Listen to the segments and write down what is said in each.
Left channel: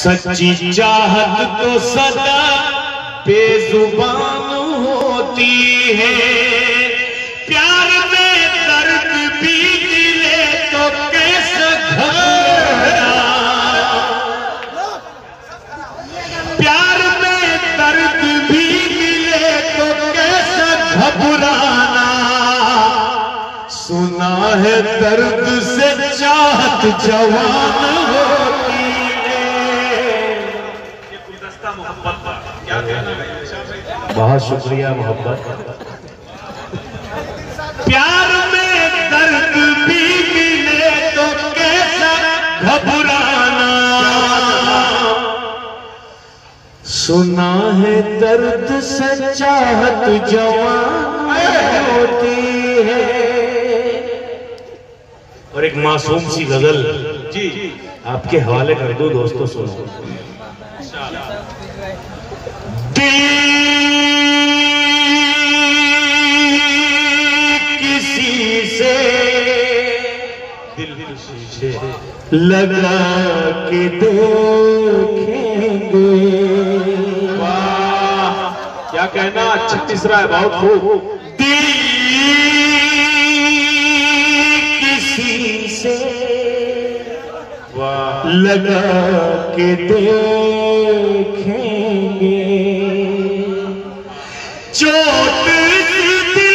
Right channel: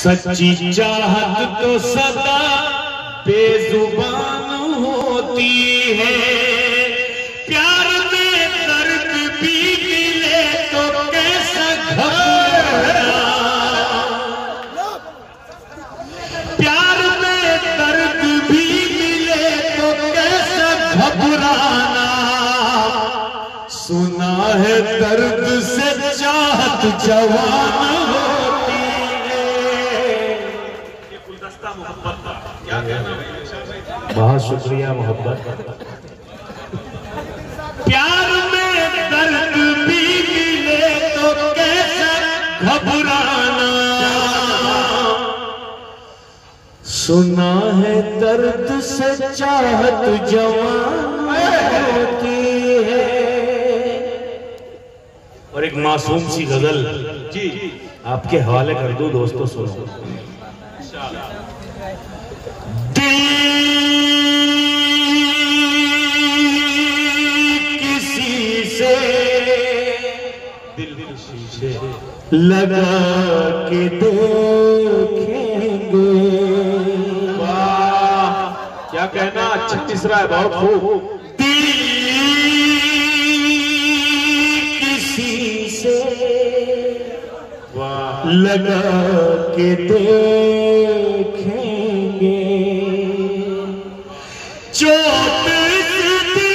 सच्ची चाहत तो सदा बेजुबान होती है, प्यार में दर्द भी मिले तो कैसा घबराना, प्यार में दर्द भी मिले तो कैसा घबराना, सुना है दर्द से चाहत जवान होती है। बहुत शुक्रिया मोहब्बत। प्यार में दर्द भी मिले तो कैसा घबराना, सुना है दर्द से चाहत जवान होती है। और एक मासूम सी गजल जी आपके हवाले कर दो दोस्तों, सुनो। किसी से लगा के देखेंगे, वाह क्या कहना, अच्छा तीसरा है, बहुत खूब। दिल किसी से लगा के देखेंगे, चोट दिल पे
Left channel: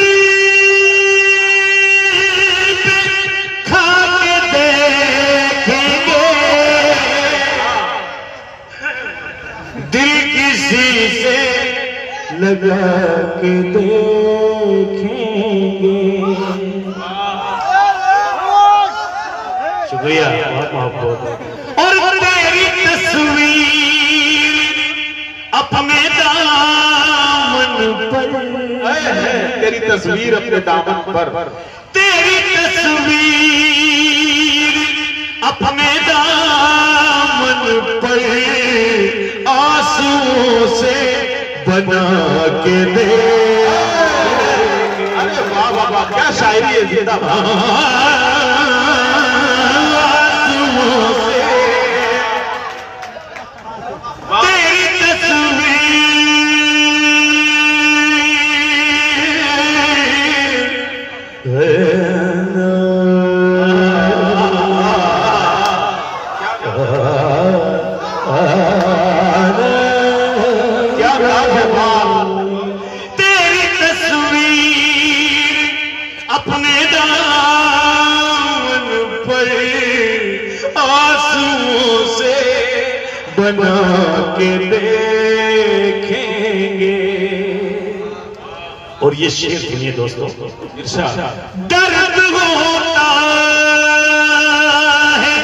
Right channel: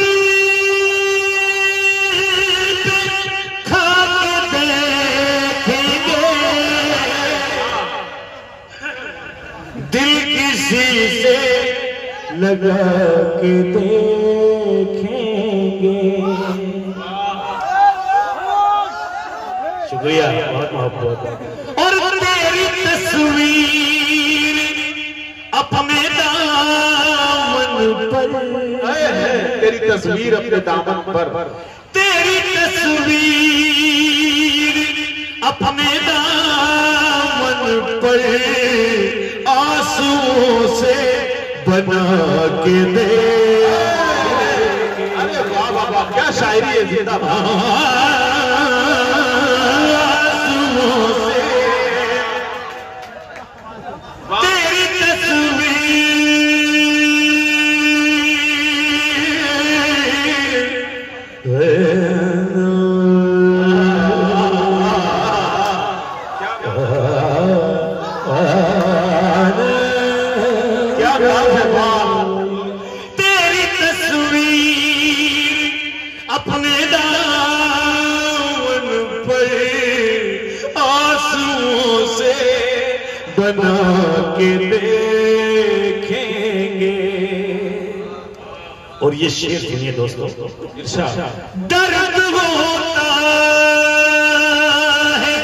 खा के देखेंगे, दिल किसी से लगा के देखेंगे। शुक्रिया, बहुत बहुत। और तेरी तस्वीर अपने दामन पर, तेरी तस्वीर अपने दामन पर, तेरी तस्वीर अपने दामन पर आंसुओं से बना के दे। अरे वाह वाह वाह, क्या शायरी है, जिंदाबाद। तेरी तस्वीर अपने दामन पर आंसुओं से बना के देखेंगे। और ये शेर सुनिए दोस्तों, दर्द होता है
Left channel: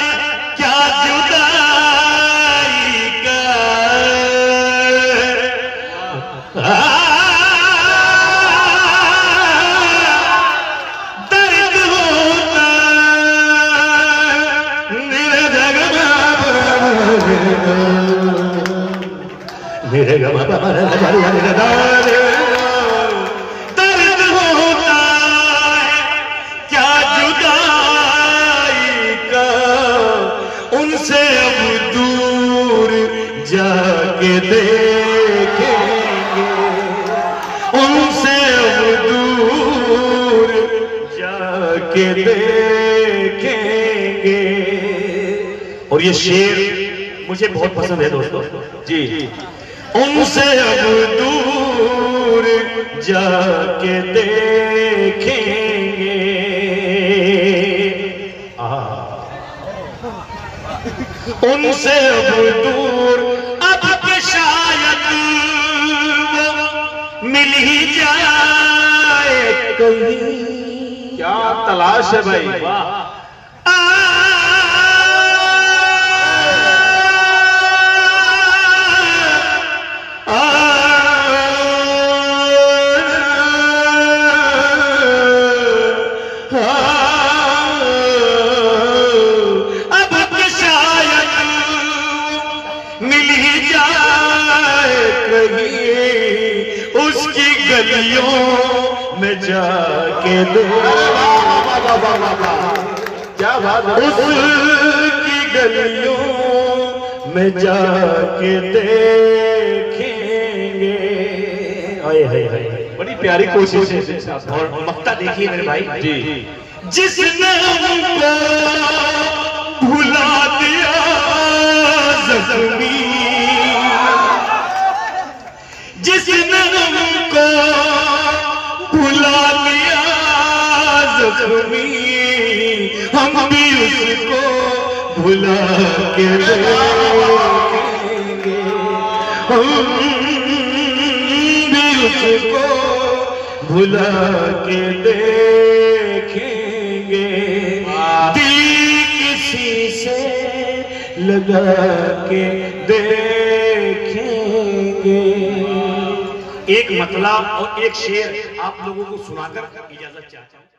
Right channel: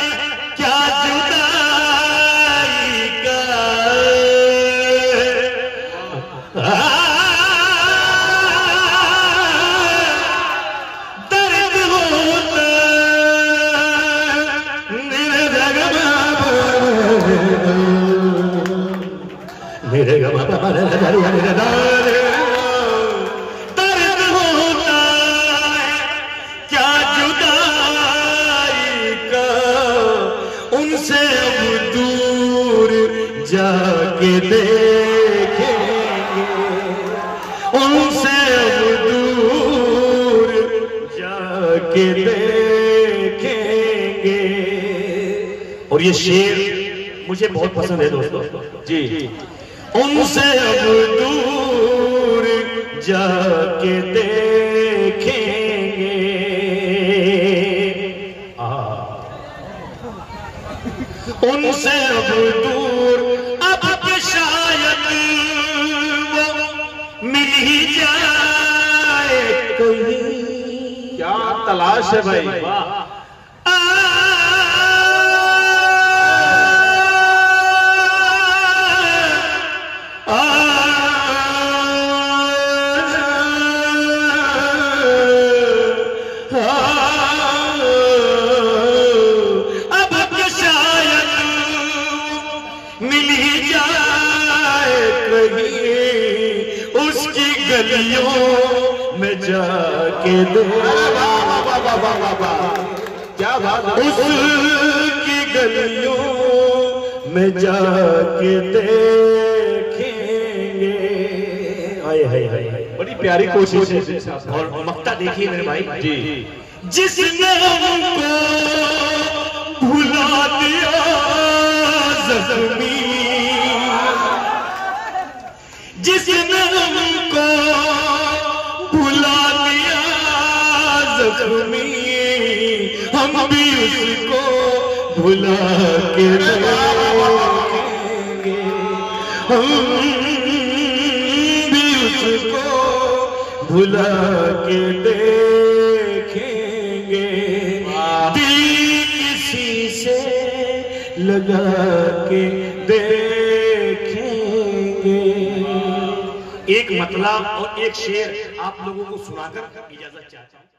क्या जुदाई का, दर्द होता मेरे गमा दर्द होता है क्या जुदाई का, उनसे अब दूर जाके देखेंगे, उनसे अब दूर जाके देखेंगे। और ये शेर मुझे बहुत पसंद है दोस्तों जी। उनसे अब दूर जाके देखेंगे, उनसे अब दूर, अब शायद वो मिल ही जाए कहीं। क्या तलाश है भाई, उसकी गलियों में जाके दे। क्या बात, उसकी गलियों में जाके देखेंगे। हाय हाय हाय, बड़ी प्यारी कोशिश है। और मक्ता देखिए मेरे भाई जी, जिसने हमको भुला दिया जख्मी, जिसने हमको भुला दिया जख्मी, हम भी उसको भुला के देखेंगे, हम भी उसको भुला के देखेंगे, दिल किसी से लगा के देखेंगे। एक मतला और एक शेर आप लोगों को सुनाकर इजाजत चाहता हूं।